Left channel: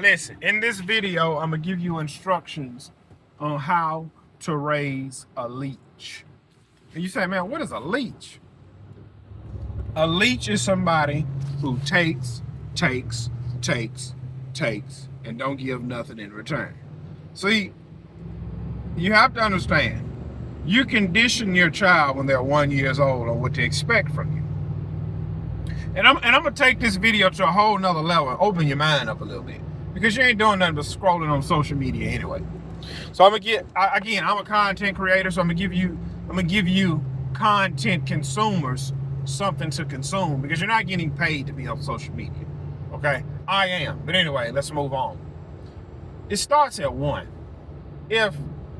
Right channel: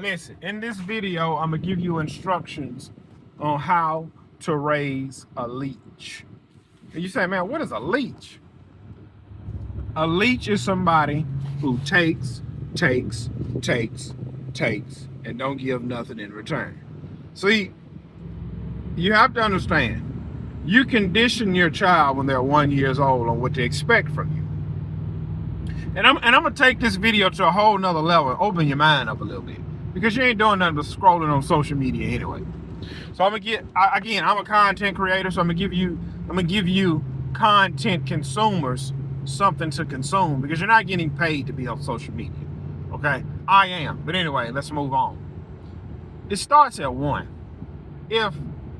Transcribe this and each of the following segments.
Listen, in this video, I'm going to give you instructions on how to raise a leech. And you say, man, what is a leech? A leech is somebody who takes, and don't give nothing in return. See, you have to understand, you condition your child when they're 1 year old on what to expect from you. And I'm gonna take this video to a whole nother level and open your mind up a little bit, because you ain't doing nothing but scrolling on social media anyway. So I'm a content creator, so I'm gonna give you content consumers something to consume, because you're not getting paid to be on social media. Okay, I am. But anyway, let's move on. It starts at 1. If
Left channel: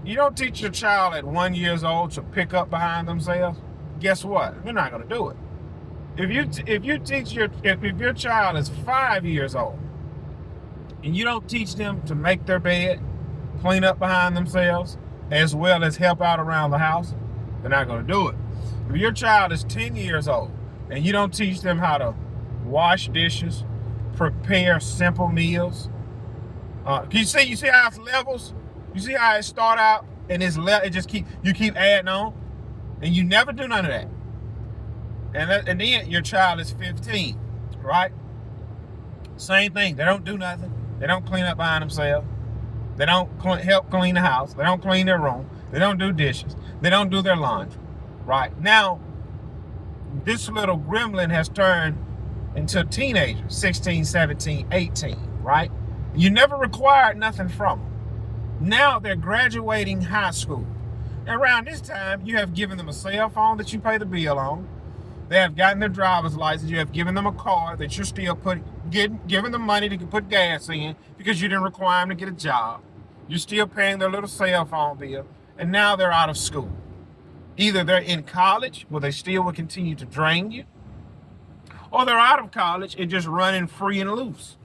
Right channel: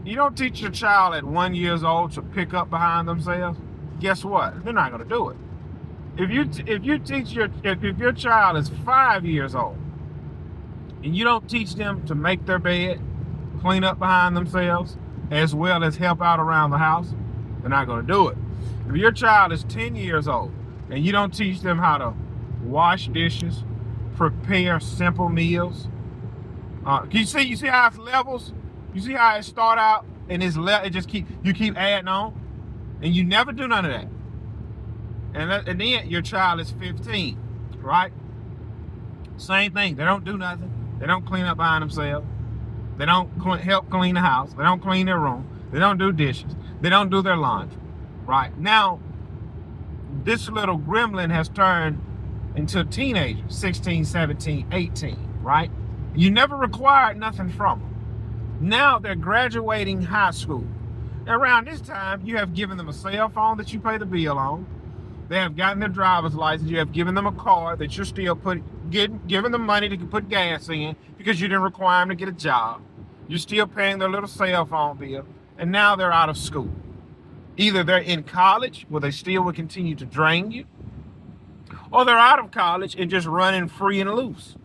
you don't teach your child at 1 year old to pick up behind themselves, guess what? They're not gonna do it. If your child is 5 years old and you don't teach them to make their bed, clean up behind themselves, as well as help out around the house, they're not going to do it. If your child is 10 years old and you don't teach them how to wash dishes, prepare simple meals, you see how it's levels? You see how it start out and you keep adding on, and you never do none of that. And then your child is 15, right? Same thing. They don't do nothing. They don't clean up behind themselves. They don't help clean the house. They don't clean their room. They don't do dishes. They don't do their laundry, right? Now, this little gremlin has turned into a teenager, 16, 17, 18, right? You never required nothing from them. Now they're graduating high school. And around this time, you have given them a cell phone that you pay the bill on. They have gotten their driver's license. You have given them a car that you're still giving them money to put gas in, because you didn't require them to get a job. You're still paying their little cell phone bill, and now they're out of school. Either they're in college, where they still will continue to drain you, or they're out of college and just running free and loose.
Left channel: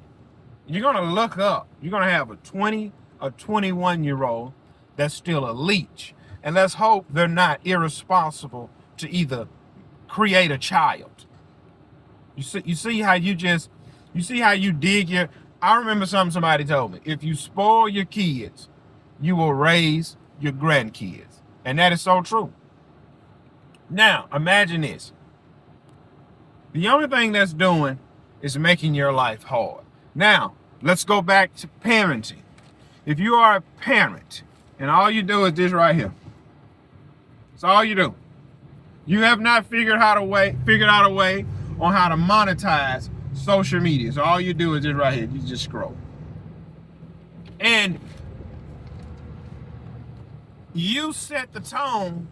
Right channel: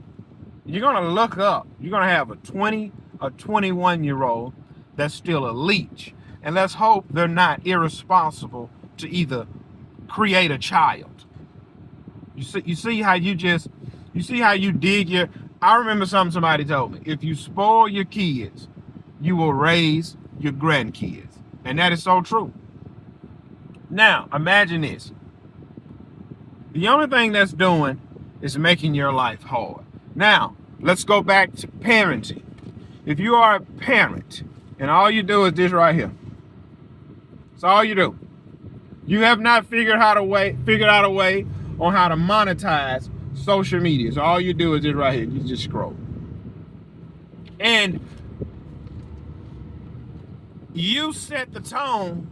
You're gonna look up. You're gonna have a 20, a 21-year-old that's still a leech, and let's hope they're not irresponsible to either create a child. You see how you dig your. I remember somebody told me, if you spoil your kids, you will raise your grandkids, and that is so true. Now imagine this: the only thing that's doing is making your life hard. Now let's go back to parenting. If you are a parent and all you do is this right here, that's all you do. You have not figured out a way on how to monetize social media. So all you do is this right here. You just scroll. And you set the tone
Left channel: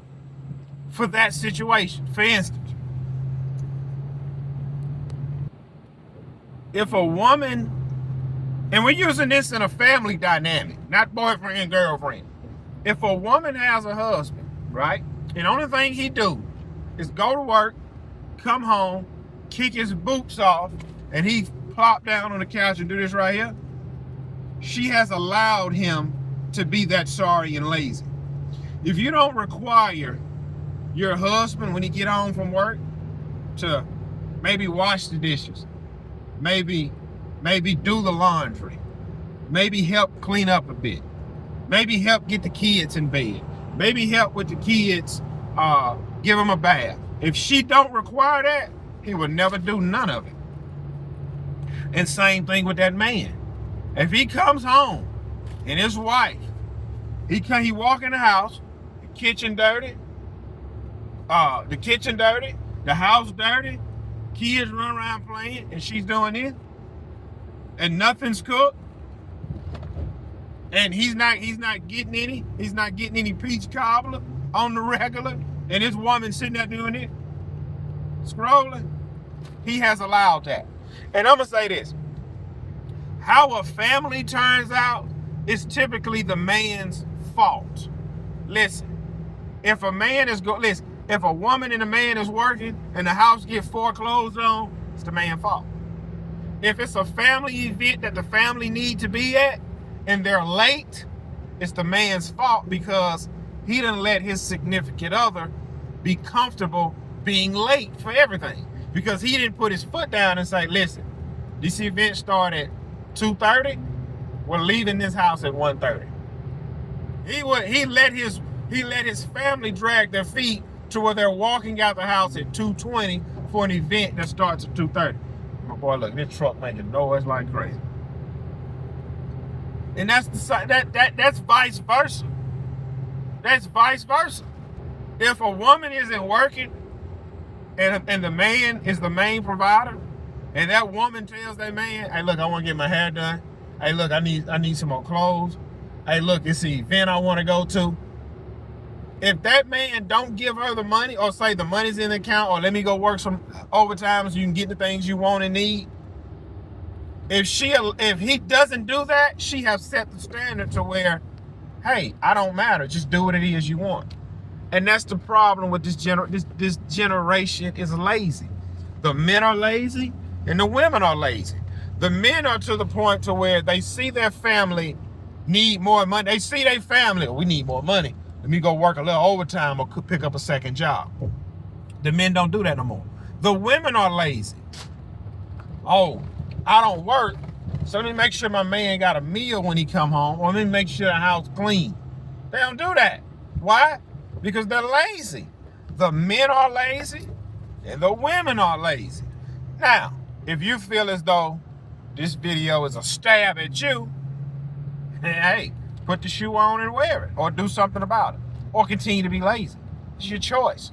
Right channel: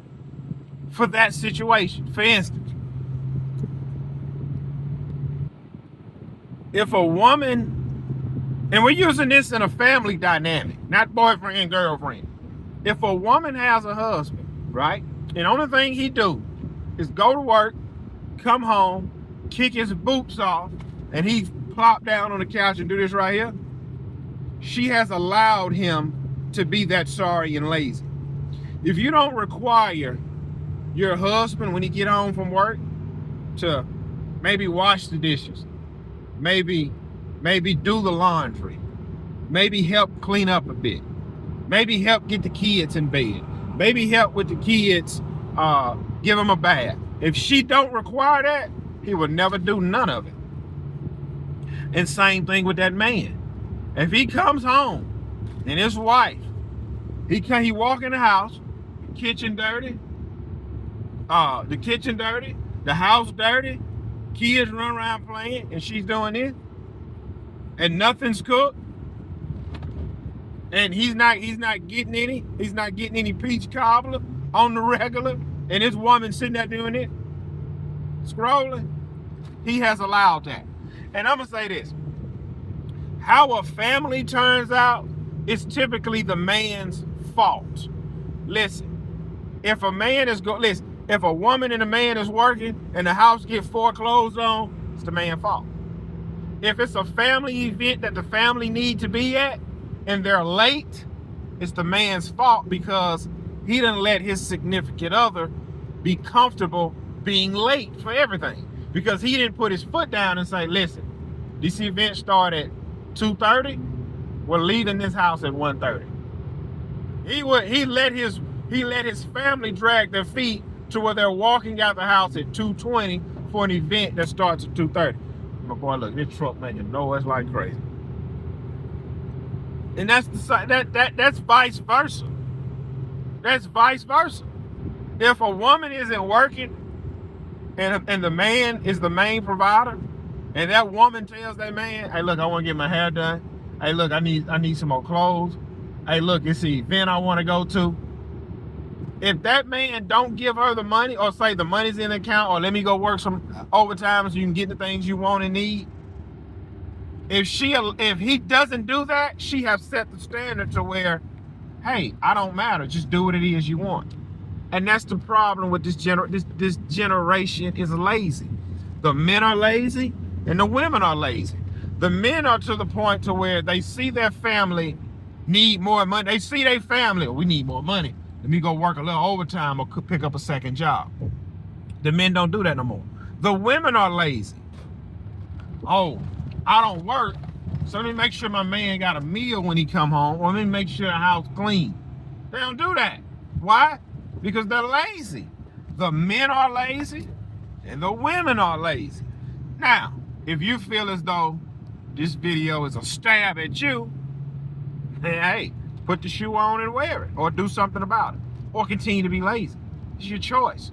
for that situation. For instance, if a woman, and we're using this in a family dynamic, not boyfriend and girlfriend. If a woman has a husband, right, and the only thing he do is go to work, come home, kick his boots off, and he plop down on the couch and do this right here, she has allowed him to be that sorry and lazy. If you don't require your husband, when he get home from work, to maybe wash the dishes, maybe do the laundry, maybe help clean up a bit, maybe help get the kids in bed, maybe help with the kids, give them a bath. If she don't require that, he would never do none of it. And same thing with that man. If he comes home and his wife, he walk in the house, the kitchen dirty, the house dirty, kids run around playing, and she's doing this, and nothing's cooked, and he's not getting any peach cobbler on the regular, and this woman sitting there doing it, scrolling, he has allowed that. And I'm gonna say this: how a family turns out is typically the man's fault. Listen, if a woman and a man is working and the house gets foreclosed on, it's the man's fault. If it's a family event that the family need to be at and they're late, it's the man's fault, because he didn't let his significant other be comfortable being late for everything, because he didn't put his foot down and say, listen, this event started at 2:30, were leaving this house at 1:30. He let his family drag their feet to where they're walking out the house at 2:20 for an event that starts at 2:30. My boy, look, this truck making noise like crazy. And that's vice versa. That's vice versa. If a woman isn't working and the man is the main provider, and that woman tells that man, hey, look, I want to get my hair done. Hey, look, I need some more clothes. Hey, look, it's the event I want to go to. If that man don't give her the money, or say the money's in the account, or let me go work some overtime so you can get the things you want and need. If he doesn't do that, she has set the standard to where, hey, I don't matter. Just do what it is you want. And that's the problem with this generation is lazy. The men are lazy and the women are lazy. The men are to the point to where they see their family need more money. They see their family, we need more money. Let me go work a little overtime or pick up a second job. The men don't do that no more. The women are lazy. Oh, I don't work, so let me make sure my man got a meal when he come home, or let me make sure the house clean. They don't do that. Why? Because they're lazy. The men are lazy and the women are lazy. Now, if you feel as though this video is a stab at you, hey, put the shoe on and wear it, or do something about it, or continue to be lazy. It's your choice.